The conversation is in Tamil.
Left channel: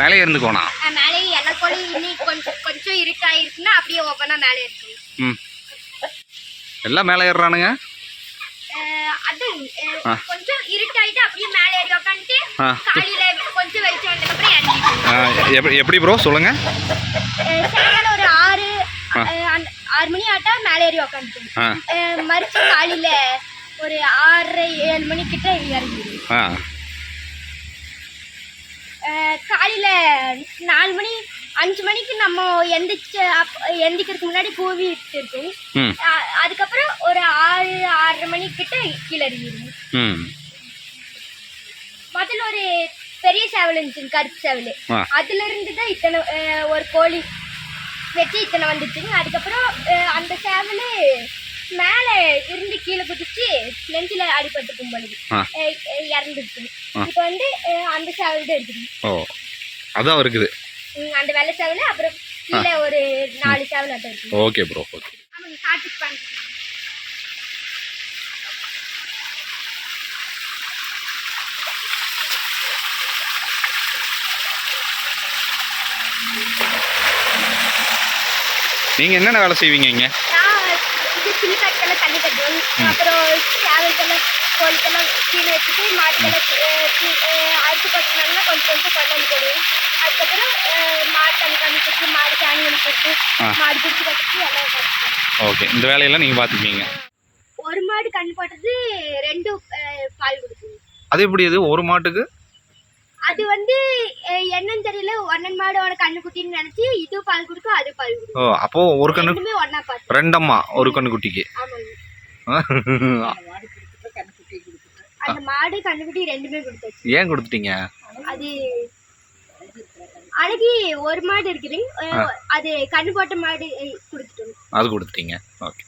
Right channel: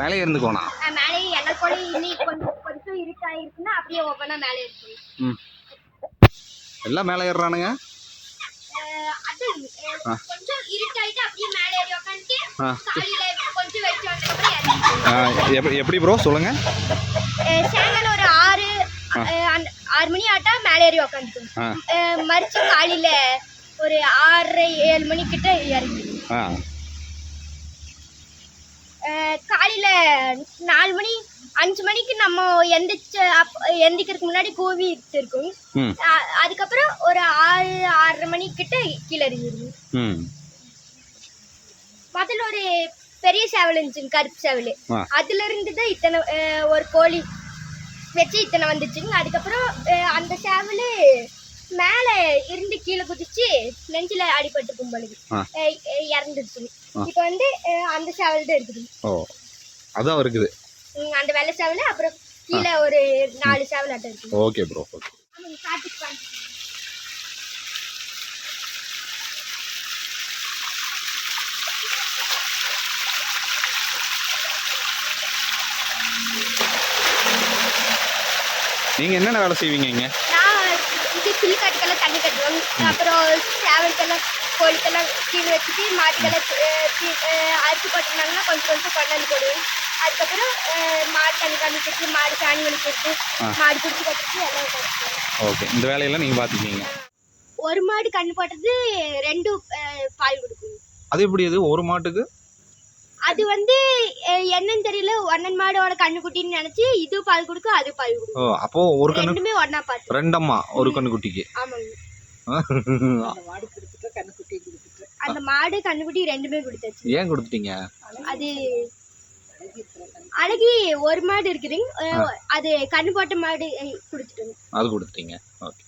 மேலே இருந்துக்கோனா மேலே எல்லா கோழி இன்னைக்கு கொஞ்சம் இருட்டாயிருக்குன்னா அப்படியே ஓப்பனா மேலே இருக்கும். ம், எல்லாம் மேலே ஏறுறானுங்க. அது கொஞ்சம் இருட்டாயிட்டு அப்படியே மேலே ஏறி உட்காந்துட்டு காலையில கொஞ்சம் வெளிச்சம் வந்ததுக்கப்புறம் இறங்கிட்டு. எப்படி ப்ரோ சொல்லுங்க. சாயங்காலம் ஒரு 6 மணி ஆட்டா மேலே ஏறி உட்காந்துட்டு மறுச்சு காலையில ஒரு 6-7 மணிக்கிட்ட இறங்கிடும். காலையில 4 மணி 5 மணிக்கு நம்ம எந்திக்கிறதுக்கு முன்னாடி கூவிட்டு இருக்கும். அதுக்கப்புறம் ஒரு 6-6:30 மணிக்கிட்ட கீழே இறங்கிடும். முதல்ல ஒரு பெரிய சேவல் இருந்துச்சு, கருப்பு சேவல். அதுல இருந்து தான் இத்தனை ஒரு கோழி வச்சு இத்தனை வந்துச்சுங்க. அதுக்கப்புறம் அந்த சேவல் மேலே இருந்து கீழே குதிச்சு நெஞ்சில அடிபட்டு கும்பலுக்கு இறந்துருச்சு. இப்போ வந்து அந்த சேவல் தான் இருக்குது. ஓ, அதான் இருக்குது அந்த வெள்ளை சேவல். அப்புறம் கீழே ஒரு 4 சேவல் அட்டை இருக்கு. Okay bro, okay. ஆமாங்க, காட்டுக்கு பாருங்க. நீங்கள் என்னென்ன வேலை செய்வீங்க இங்கே? இது கிளிக்காட்டுக்கெல்லாம் தண்ணி கட்டுவோம். அப்புறம் சேவலுக்கெல்லாம் கோழிக்கெல்லாம் கீழே வச்சுட்டு மாட்டுக்கெல்லாம் அரிசி போட்டிருந்தாங்கன்னா கொஞ்சம் கொஞ்சம் கொண்டாந்து போடுவோம். அதுக்கப்புறம் மாடு தண்ணி கட்டிட்டு மாடு சாணி கழிக்கிறது, மாடு பிடிச்சி கட்டுறது எல்லாம் கட்டுவோம். ஓகே, இந்த வேலையெல்லாம் நீங்கள் பார்த்துப்பீங்க. ஒரு மாடு கண்ணு போட்டது 2 பால் கொடுக்குங்க. அது எப்படி? அது ஒரு மாட்டுக்கு அது வந்து என்னன்னு தெரியல, ஒன்னன் மாடோட கண்ணுக்குட்டின்னு நினைச்சு இது பால் கொடுக்கும், அது பால் கொடுக்கும். ஓ, அப்போ ஒரு கண்ணு ரெண்டுமே ஒண்ணா பார்த்து. ரெண்டம்மா ஒரு கண்ணுக்குட்டிக்கு. ஆமாங்க. அந்த மாடு கண்ணுக்குட்டி ரெண்டுமே கொடுத்தாச்சு. ஏன் கொடுத்துட்டீங்க? அது அழகி ஒரு மாடு இருக்குதுங்க, அது கண்ணு போட்ட மாடு கொடுத்துட்டோம். அது கொடுத்துட்டீங்க. ஓகே.